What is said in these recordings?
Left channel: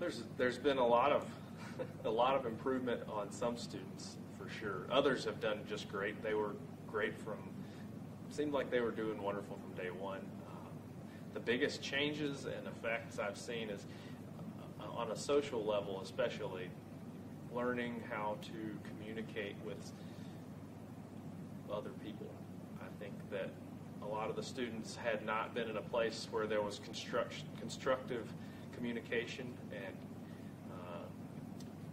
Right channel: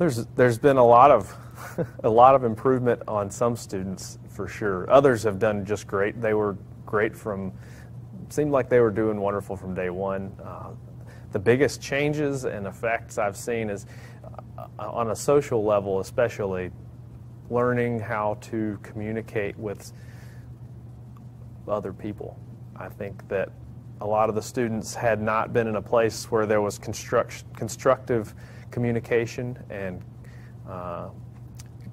There's been a lot of a lot of improvement on some students for sure. Others have done just great. They were great seemed like they were doing wonderful from day one. The biggest changes and effects I've seen is on a social level, especially learning how to communicate with other people. I think that a lot of the students had not been in a place where there was constructive communication and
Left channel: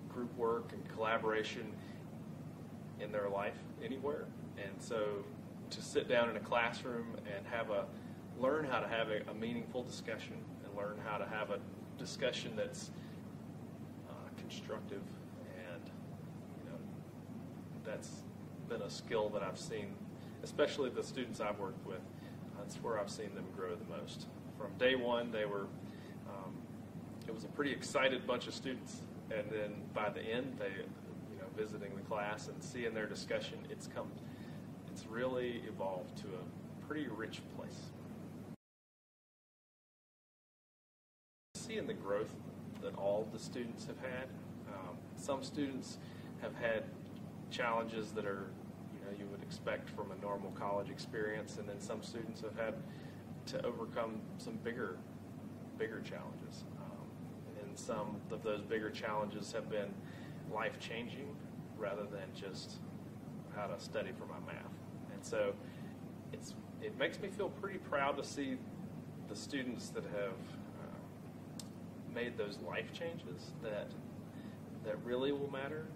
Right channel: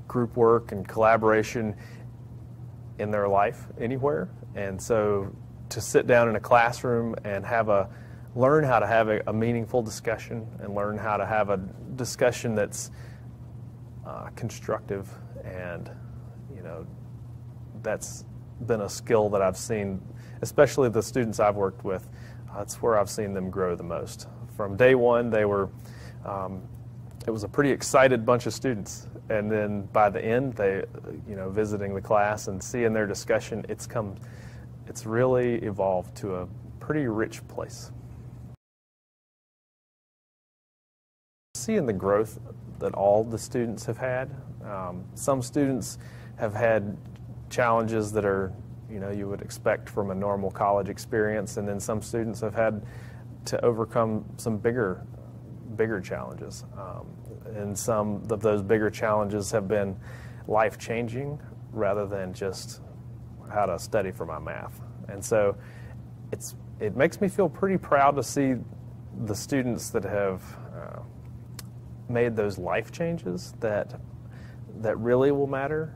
group work and collaboration in their life anywhere. And so to sit down in a classroom and learn how to have a meaningful discussion and learn how to have a discussion that's constructive, and that's been a skill that I've seen, especially the students I've worked with. That's where I've seen them grow the most. From day one, it was a pretty excited bunch of students, and then by the end, visiting the class and seeing their discussion, it's really evolved to a pretty rich place. Seeing the growth that all the students have had. Some students have had challenges that are, you would expect from a normal college experience, and then some students have had to overcome some bigger challenges. And some of those bigger challenges have been life-changing rather than just how to study for my math. And so it makes me feel pretty proud to see the students that have made those life changes that really will matter,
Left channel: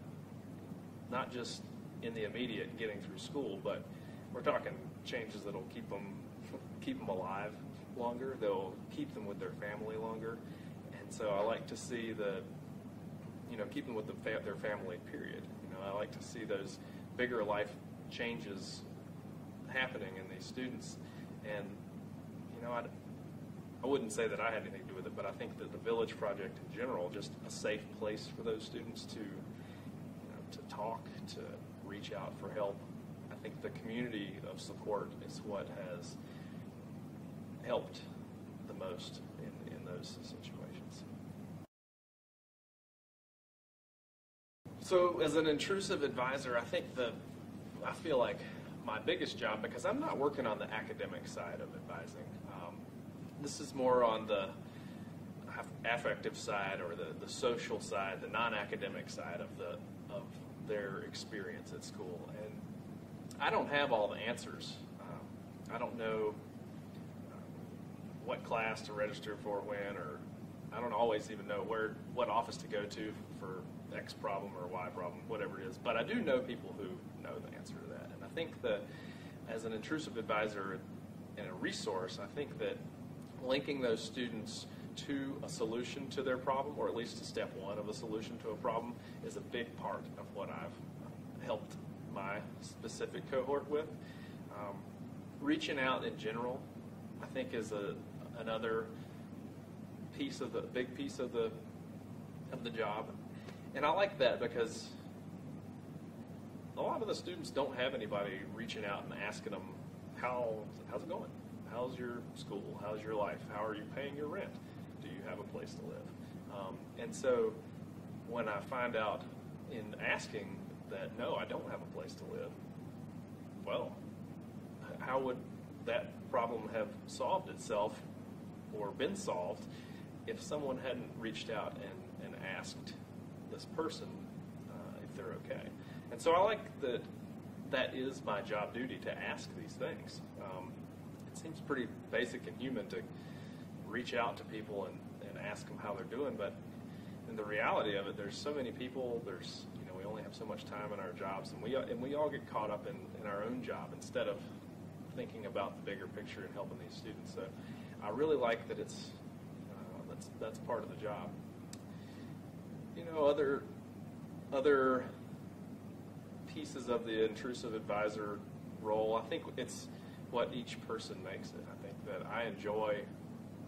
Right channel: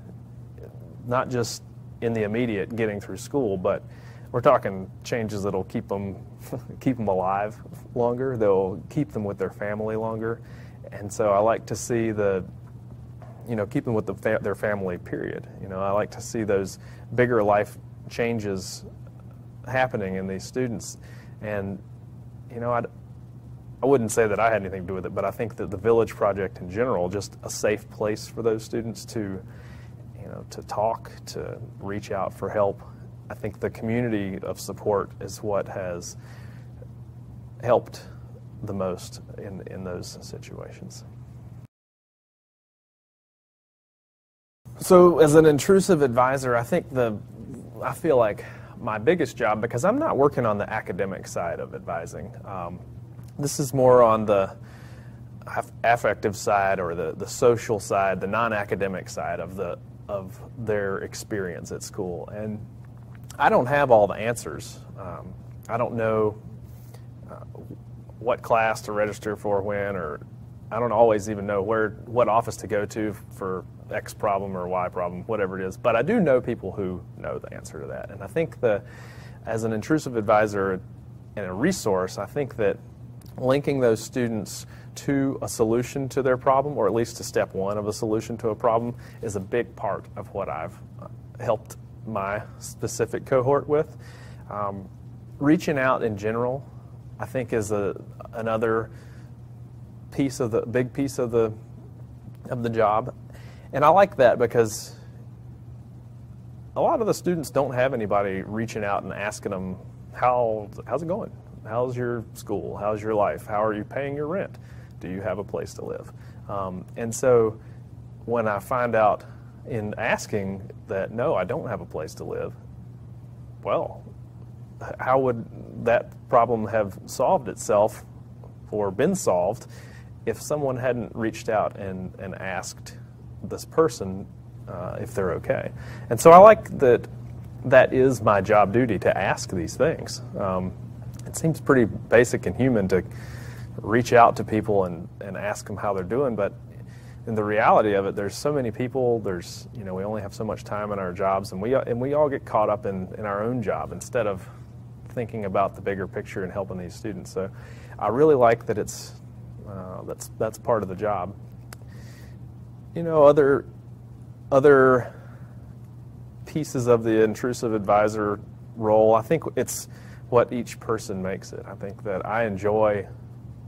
not just in the immediate getting through school, but we're talking changes that'll keep them alive longer. They'll keep them with their family longer. And so I like to see keep them with their family, period. I like to see those bigger life changes happening in these students. And, I wouldn't say that I had anything to do with it, but I think that the Village Project in general, just a safe place for those students to talk, to reach out for help. I think the community of support is what has helped the most in those situations. So as an intrusive advisor, I feel like my biggest job, because I'm not working on the academic side of advising, this is more on the affective side or the social side, the non-academic side of their experience at school. And I don't have all the answers. I don't know what class to register for when, or I don't always even know what office to go to for X problem or Y problem, whatever it is. But I do know people who know the answer to that. And I think as an intrusive advisor and a resource, I think that linking those students to a solution to their problem, or at least to step one of a solution to a problem, is a big part of what I've helped my specific cohort with. Reaching out in general, I think, is another big piece of the job. And I like that because a lot of the students don't have anybody reaching out and asking them, how's it going? How's your school? How's your life? How are you paying your rent? Do you have a place to live? And so when I find out in asking that, no, I don't have a place to live, well, how would that problem have solved itself or been solved if someone hadn't reached out and asked this person if they're okay? And so I like that is my job duty, to ask these things. It seems pretty basic and human to reach out to people and ask them how they're doing, but in the reality of it, there's so many people, we only have so much time in our jobs, and we all get caught up in our own job instead of thinking about the bigger picture and helping these students. So I really like that that's part of the job. Other pieces of the intrusive advisor role, I think it's what each person makes it. I think that I enjoy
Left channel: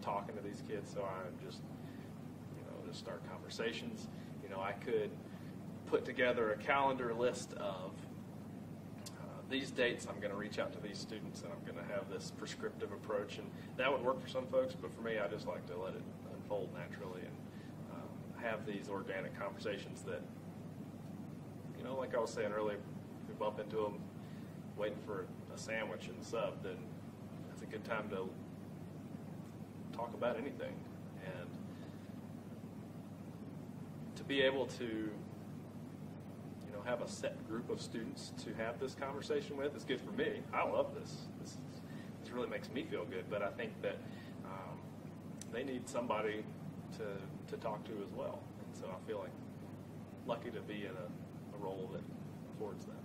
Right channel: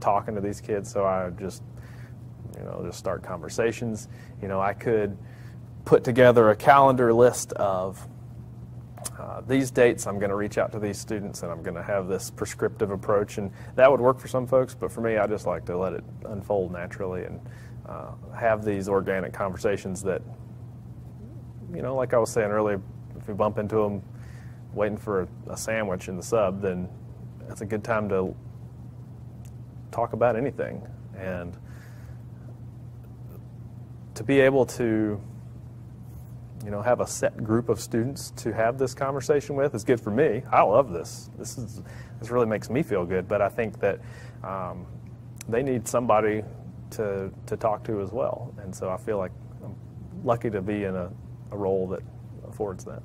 talking to these kids, so I just start conversations. I could put together a calendar list of these dates I'm going to reach out to these students, and I'm going to have this prescriptive approach, and that would work for some folks, but for me, I just like to let it unfold naturally and have these organic conversations that, like I was saying earlier, if we bump into them waiting for a sandwich in the sub, then that's a good time to talk about anything. And to be able to, have a set group of students to have this conversation with is good for me. I love this. This really makes me feel good. But I think that they need somebody to talk to as well. And so I feel like I'm lucky to be in a role that affords that.